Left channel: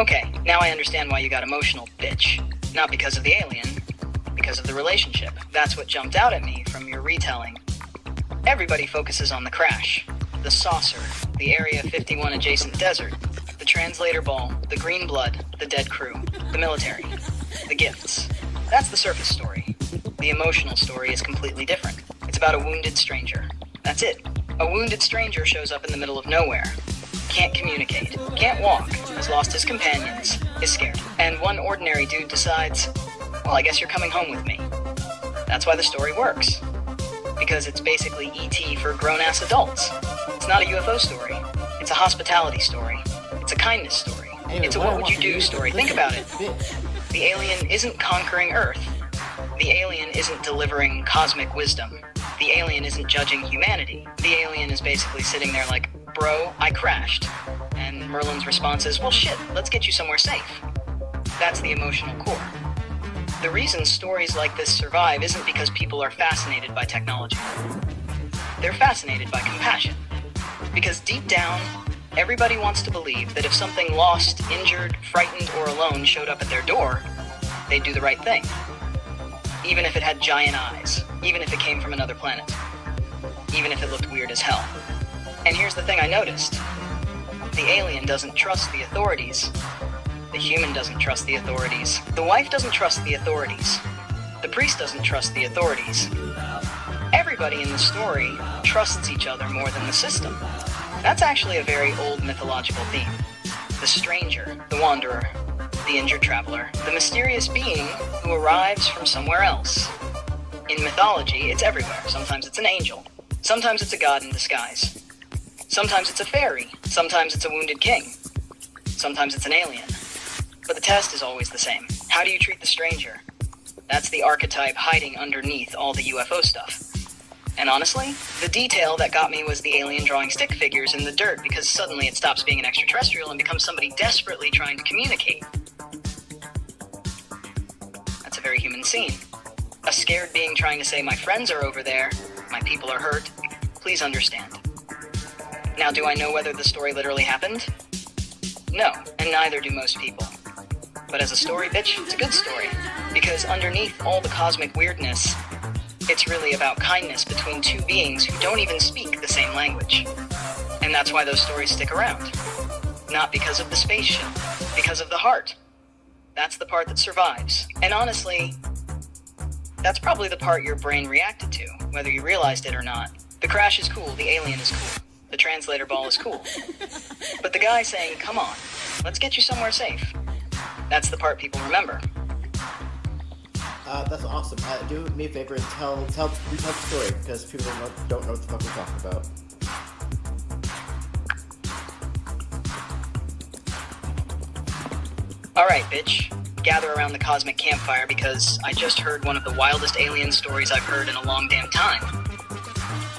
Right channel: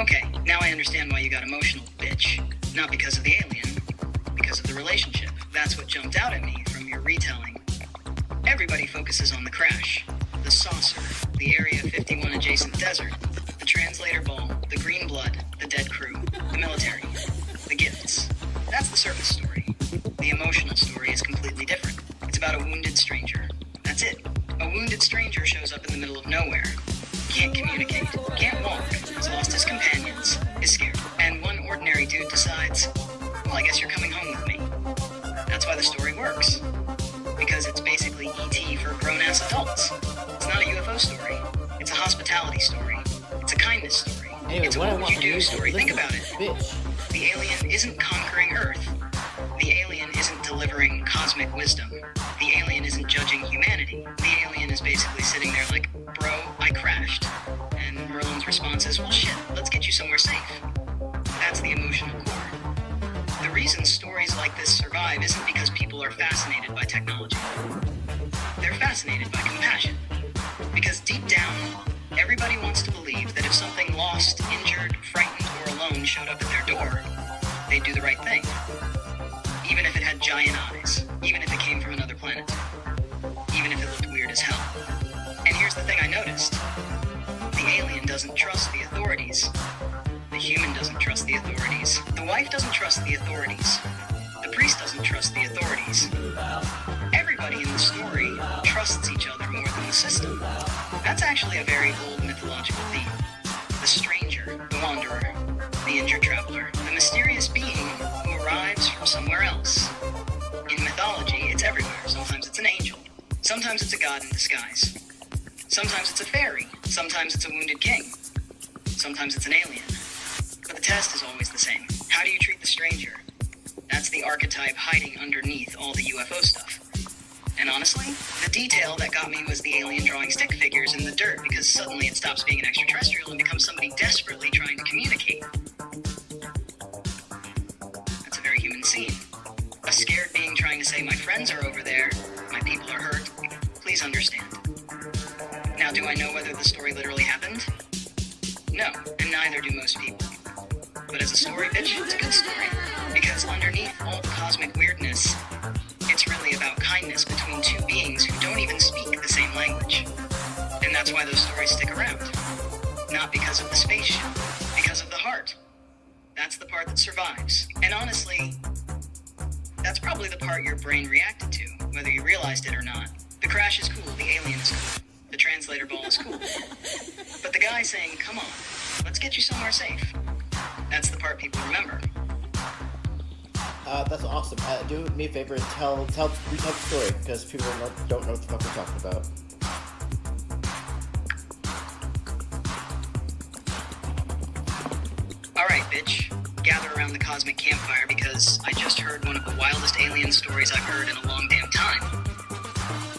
Okay, now I understand why you got emotional, bitch. Not because of the alien, because of the relationship. That's what jumped out at me from your retelling. Everybody focuses on the crash, the saucer, the Area 51 adjacent desert, the translator ball, the green blood, the dead crew, the military, the gifts. That's the surface story. The emotional story is completely different. It's about a wounded stranger. That's it. A wounded stranger shows up in the middle of nowhere. Can't communicate, can't walk, has lost his companions, is scared. And one ordinary dude decides, well, I guess you're coming home with me. That's why the story works. Because it's basically E.T. for grown-ass adults. It's not a UFO story. It's a hospitality story. It's a kindness story. Anyway, it's a what would you do story. Think about it. Bitch. The alien isn't conquering Earth. The alien isn't delivering cosmic wisdom. The alien isn't judging humanity. The alien is basically sitting there like, bro, I crashed. And Merlin's response is, well, shit, let's get you somewhere safe. That's the emotional core. The reason stories like this survive isn't because people are fascinated by technology. They're fascinated by compassion. Because deep down, everybody wants to believe that if something lost, injured, frightened, or alone showed up at their door, they'd do the right thing. Even if it had giant eyes. Even if it came from another planet. Even if it looked weird as hell. And here's the thing I noticed. The alien doesn't trust the authorities. The human doesn't trust the authorities. The wife doesn't trust the authorities. The priest doesn't trust the authorities. Everybody in the story trusts each other more than the system. That's actually a very old mythological theme. The stranger, the wanderer, the injured traveler, the mysterious being who arrives from somewhere else. In mythology, it's everywhere. Sometimes it's an angel. Sometimes it's a god in disguise. Sometimes it's a fairy. Sometimes it's a wounded king. Sometimes it's an alien. But the test is always the same. How do you treat the stranger? That's the archetype hiding underneath all the UFO stuff. And honestly, the detail that got me was the alien drawing stick figures in the dirt because suddenly it stops being an extraterrestrial and becomes somebody desperately trying to communicate. That's a very human scene. A scared being trying to say, my friends are over there, my people are hurt, please understand. Now, do I know whether the story literally happened? No, and neither do most people. But as a story, bitch, it's a good story. Because underneath all the cosmic weirdness, it's really about kindness between two beings who don't even speak the same language. And that's why those stories stick around. Not because of the spaceship, because of the heart. That's the part that survives. And honestly, that's probably the part your brain reacted to, whether you realized it or not. The crash is cool, the alien is cool, the translator ball is cool. But the guy saying, come on, let's get you somewhere safe. That's the part people remember. That's awesome. Do me a favor and retell the story, because people don't know what the fuck we're talking about. Alright, bitch. Gather around the cosmic campfire because I just heard one of the wildest alien stories I've heard in a long damn time.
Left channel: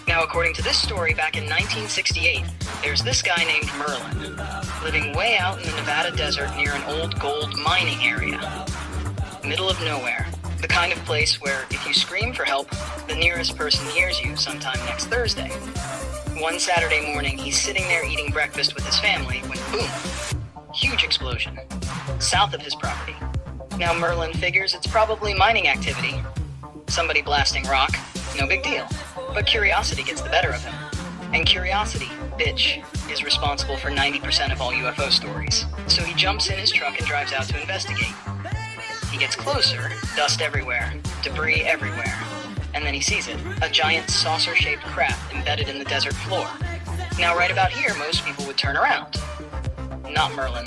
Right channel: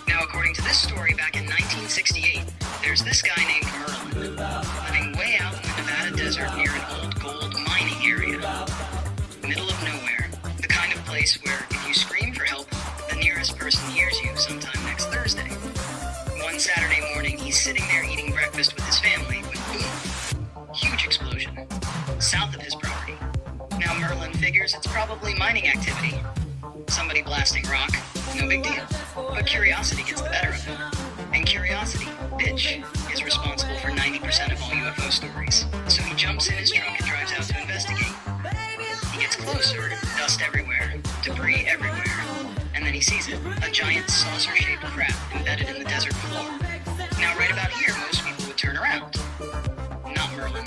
Now, according to this story, back in 1968, there's this guy named Merlin, living way out in the Nevada desert near an old gold mining area. Middle of nowhere. The kind of place where if you scream for help, the nearest person hears you sometime next Thursday. One Saturday morning, he's sitting there eating breakfast with his family when boom, huge explosion, south of his property. Now Merlin figures it's probably mining activity. Somebody blasting rock, no big deal. But curiosity gets the better of him. And curiosity, bitch, is responsible for 90% of all UFO stories. So he jumps in his truck and drives out to investigate. He gets closer, dust everywhere, debris everywhere. And then he sees it, a giant saucer-shaped craft embedded in the desert floor. Now right about here, most people would turn around. Not Merlin.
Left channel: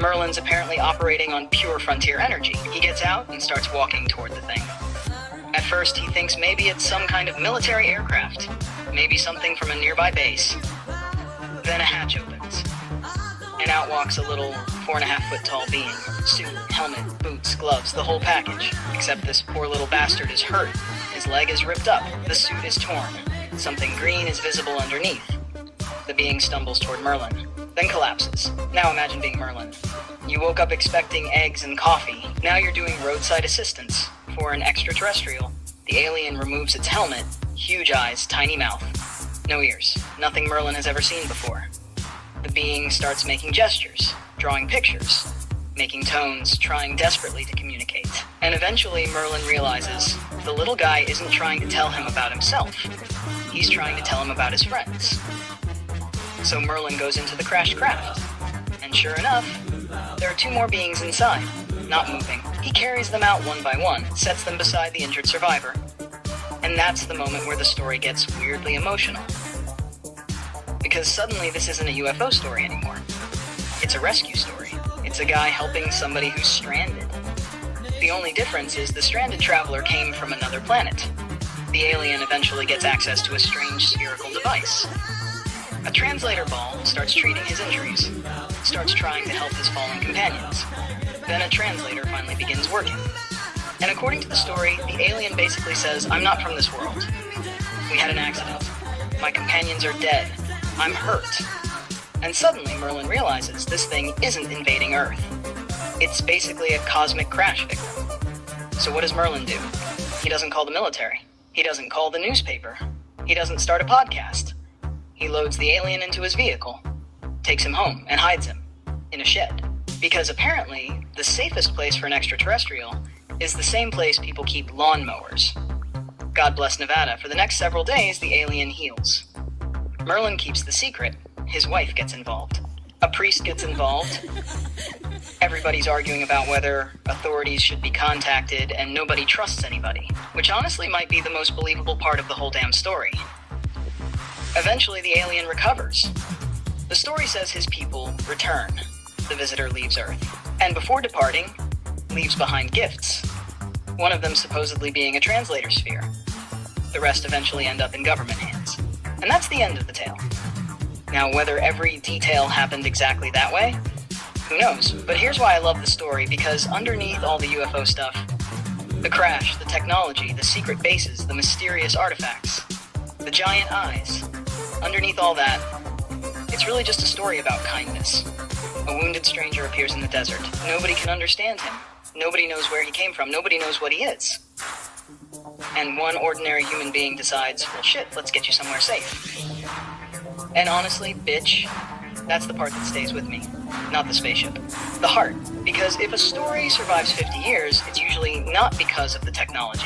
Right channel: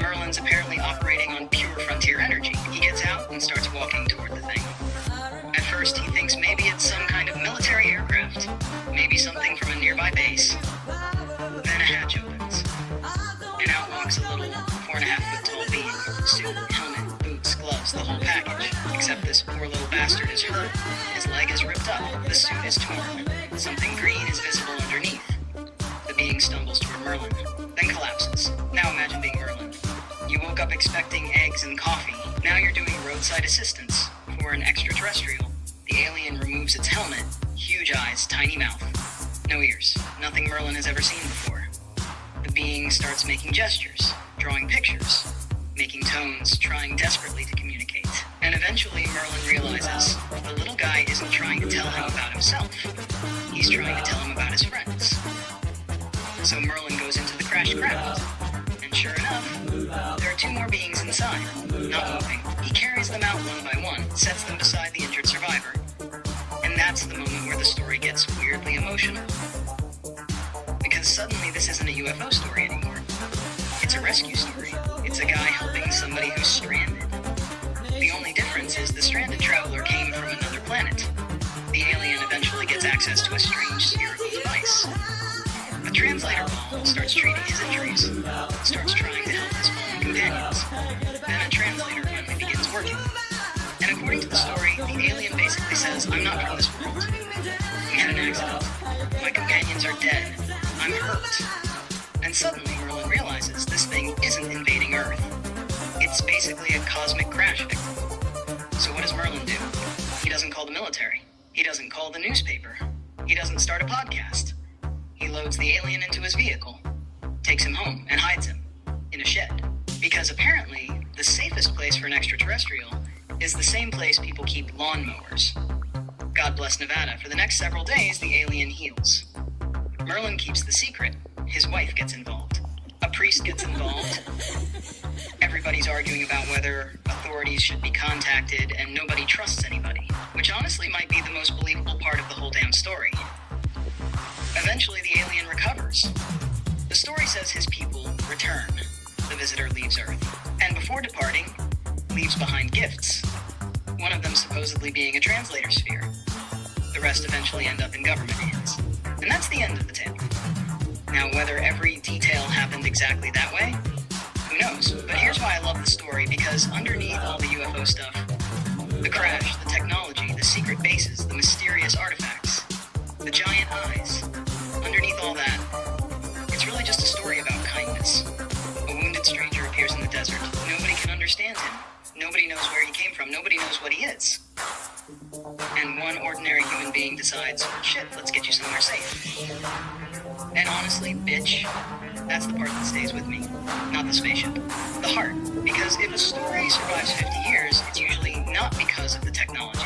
Merlin's apparently operating on pure frontier energy. He gets out and starts walking toward the thing. At first, he thinks maybe it's some kind of military aircraft. Maybe something from a nearby base. Then a hatch opens. And out walks a little 4.5-foot tall being. Suit, helmet, boots, gloves, the whole package. Except this poor little bastard is hurt. His leg is ripped up. The suit is torn. Something green is visible underneath. The being stumbles toward Merlin, then collapses. Now imagine being Merlin. You woke up expecting eggs and coffee. Now you're doing roadside assistance. For an extraterrestrial, the alien removes its helmet, huge eyes, tiny mouth. No ears. Nothing Merlin has ever seen before. The being starts making gestures, drawing pictures, making tones, trying desperately to communicate. And eventually Merlin realizes the little guy isn't trying to tell him about himself. He's trying to tell him about his friends. So Merlin goes into the crashed craft. And sure enough, there are two more beings inside, not moving. He carries them out one by one, sets them beside the injured survivor. And that's the moment where the story gets weirdly emotional. Because suddenly this isn't a UFO story anymore. It's a rescue story. It's a guy helping somebody who's stranded. The only difference is the stranded traveler came from another planet. The alien eventually gets access to a strange spherical device. A translator ball starts treating his injuries, starts trying to help his fallen companions. Then a translator finally begins working. And according to the story, the alien basically says, I'm not from this world. We had an accident. My companions are dead. I'm hurt. And suddenly Merlin realizes this thing isn't invading Earth. It's basically a cosmic crash victim. So what does Merlin do? He doesn't call the military. He doesn't call the newspaper. He doesn't start a podcast. He loads the alien into his vehicle, takes him home, and hides him in a shed. Because apparently, the safest place for an extraterrestrial is the same place people keep lawnmowers. God bless Nevada. For the next several days, the alien heals. Merlin keeps the secret. His wife gets involved. A priest gets involved. Everybody's arguing about whether authorities should be contacted, and nobody trusts anybody, which honestly might be the most believable part of the whole damn story. Eventually, the alien recovers. The story says his people return. The visitor leaves Earth. And before departing, leaves behind gifts. One of them supposedly being a translator sphere. The rest eventually end up in government hands. And that's the end of the tale. Now, whether every detail happened exactly that way, who knows? But here's why I love the story, because underneath all the UFO stuff, the crash, the technology, the secret bases, the mysterious artifacts, the giant eyes, underneath all that, it's really just a story about kindness. A wounded stranger appears in the desert. Nobody can understand him. Nobody knows where he came from. Nobody knows what he is. And one ordinary human being decides, well, shit, let's get you somewhere safe. And honestly, bitch, that's the part that stays with me. Not the spaceship. The heart. Because if a story survives 50 years, it's usually not because of the technology.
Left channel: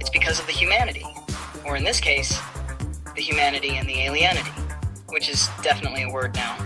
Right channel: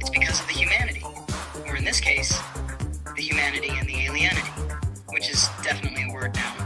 It's because of the humanity. Or in this case, the humanity and the alienity. Which is definitely a word now.